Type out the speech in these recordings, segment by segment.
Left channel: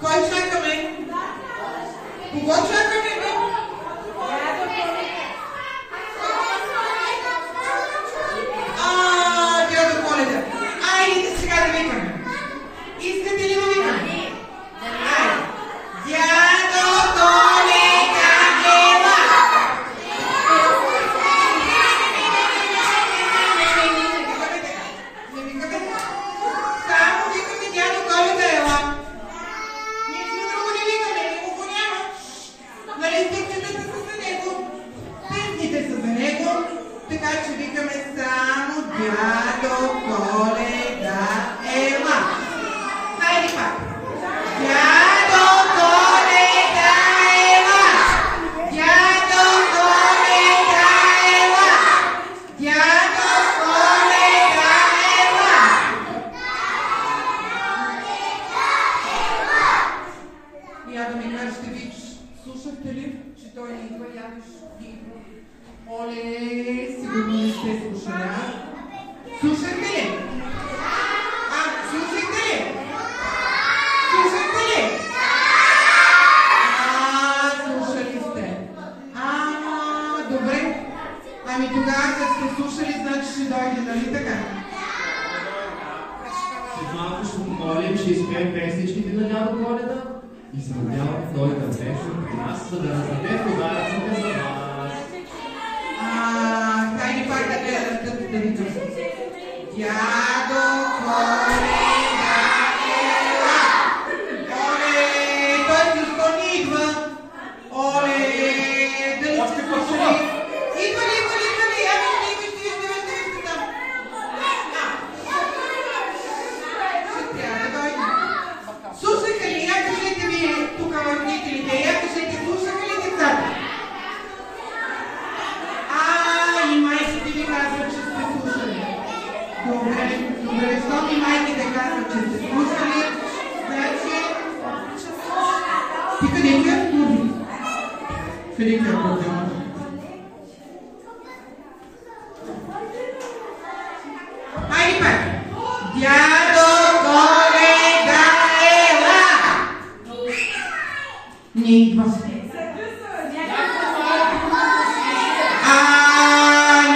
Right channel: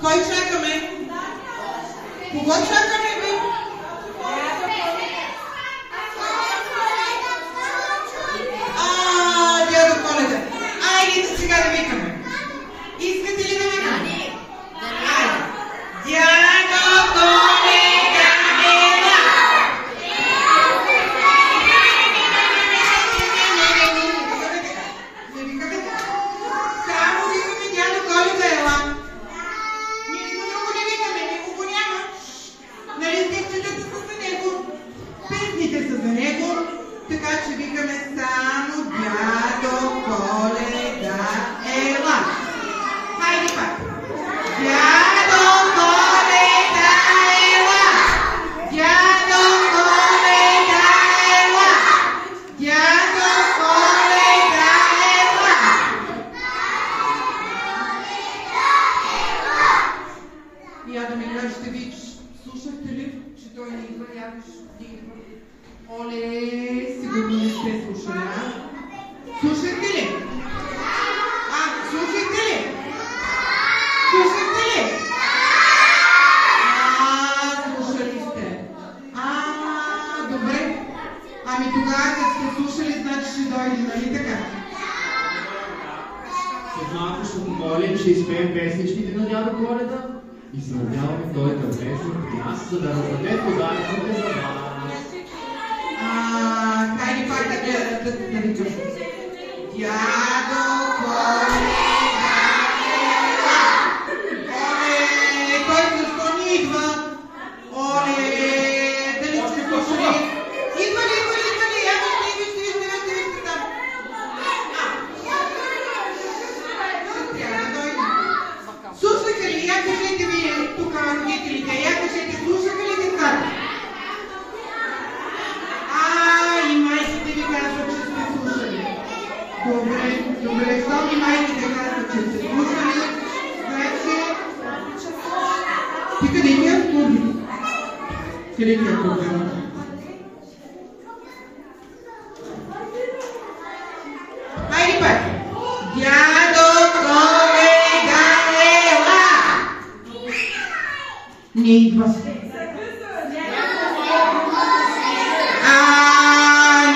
Кой чакаме? Кого чакаме? Дядо Коледа. Айде сега да викаме. Искате ли да викаме? Дядо Коледа, ела! Не викаме така. Само викаме дядо Коледа, ела. Ние сме друго не викаме, никого няма. Нали текстите са за него, песните са за него, така че викаме само дядо Коледа, ела. Хайде пак. Дядо Коледа, ела. Дядо Коледа, ела. Дядо Коледа, ела. Я да ми кажете, виж, слушахте ли, че той ни идва, ядеш, дигва? Оле, сигурно не сте слушали, а? Слушахте ли? Слушахте ли? Слушахте ли? Слушали сте. Добре. Ами тогава, като сте слушали, значи ще дойде, нали така? След малко ще помолим, че изпеем песничките на дядо Коледа и се надяваме той да влезе при нас, за да раздаде подаръците за вас. Хайде пак да видим. Дядо Коледа, ела! Оле, той защо ни идва? Оле, дали сте слушали? Идва ли? Ето ще вижте там. Ще трябва да дойде. Слушаха ли? Я кажете ми тук родителите, я кажете, слушаха ли децата? И майките ви казват, че сте слушали. Добре, щом и майките казват, че сте слушали, значи... Ти къде е студио? Къде е студио? Хайде пак! Дядо Коледа, ела! Не идва.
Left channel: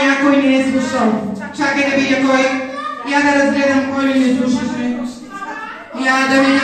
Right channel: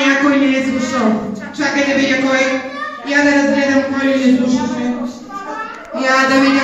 Някой не е слушал. Чакай да видя кой. Я да разгледам кой ли не слушаше. Я да видя